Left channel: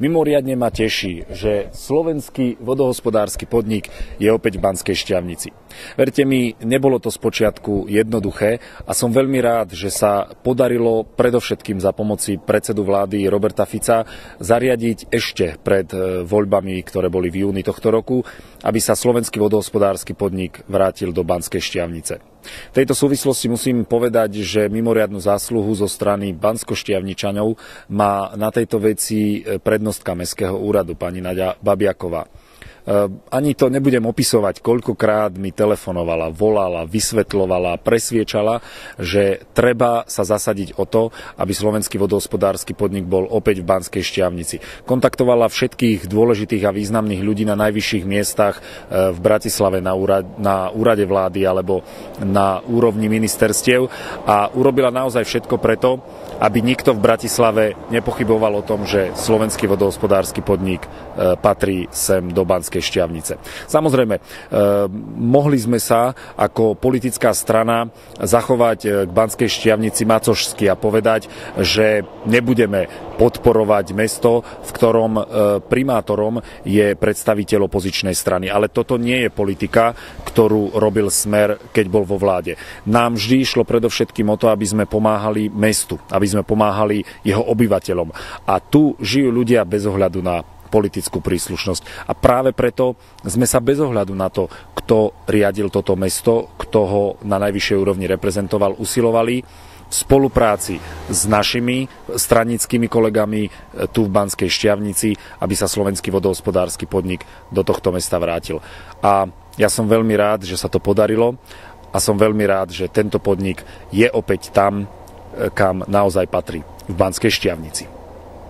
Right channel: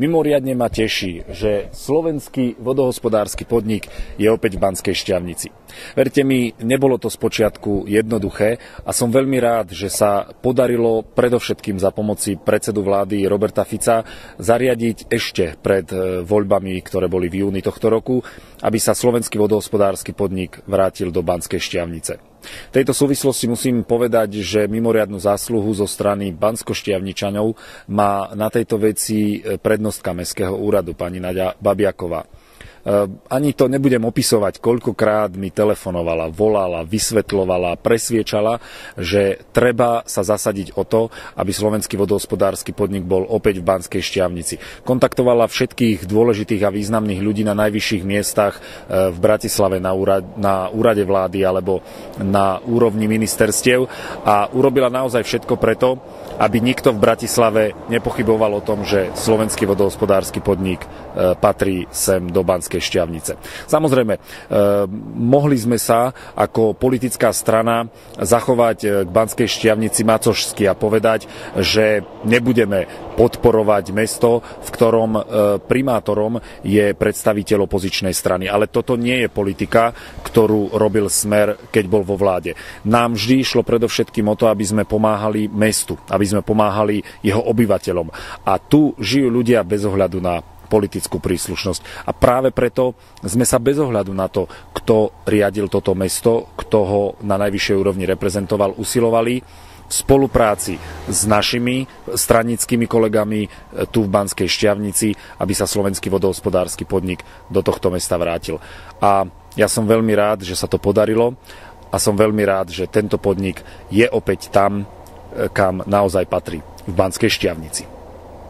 Mimoriadne ma teší, že slovenský vodohospodársky podnik je opäť v Banskej Štiavnici. Verte mi, nebolo to spočiatku jednoduché a som veľmi rád, že sa podarilo predovšetkým za pomoci predsedu vlády Roberta Fica zariadiť ešte pred voľbami, ktoré boli v júni tohto roku, aby sa slovenský vodohospodársky podnik vrátil do Banskej Štiavnice. V tejto súvislosti musím povedať, že mimoriadnu zásluhu zo strany banskoštiavničanov má na tejto veci prednostka Mestského úradu, pani Naďa Babiaková. Ani to nebudem opisovať, koľkokrát mi telefonovala, volala, vysvetľovala, presviečala, že treba sa zasadiť o to, aby slovenský vodohospodársky podnik bol opäť v Banskej Štiavnici. Kontaktovala všetkých dôležitých a významných ľudí na najvyšších miestach v Bratislave na úrade vlády alebo na úrovni ministerstiev a urobila naozaj všetko preto, aby nikto v Bratislave nepochyboval o tom, že slovenský vodohospodársky podnik patrí sem do Banskej Štiavnice. Samozrejme, mohli sme sa ako politická strana zachovať k Banskej Štiavnici macožsky a povedať, že nebudeme podporovať mesto, v ktorom primátorom je predstaviteľ opozičnej strany. Ale toto nie je politika, ktorú robil Smer, keď bol vo vláde. Nám vždy išlo predovšetkým o to, aby sme pomáhali mestu, aby sme pomáhali jeho obyvateľom. A tu žijú ľudia bez ohľadu na politickú príslušnosť. A práve preto sme sa bez ohľadu na to, kto riadil toto mesto, kto ho na najvyššej úrovni reprezentoval, usilovali v spolupráci s našimi stranickými kolegami tu v Banskej Štiavnici, aby sa slovenský vodohospodársky podnik do tohto mesta vrátil. A ja som veľmi rád, že sa to podarilo a som veľmi rád, že tento podnik je opäť tam, kam naozaj patrí, v Banskej Štiavnici.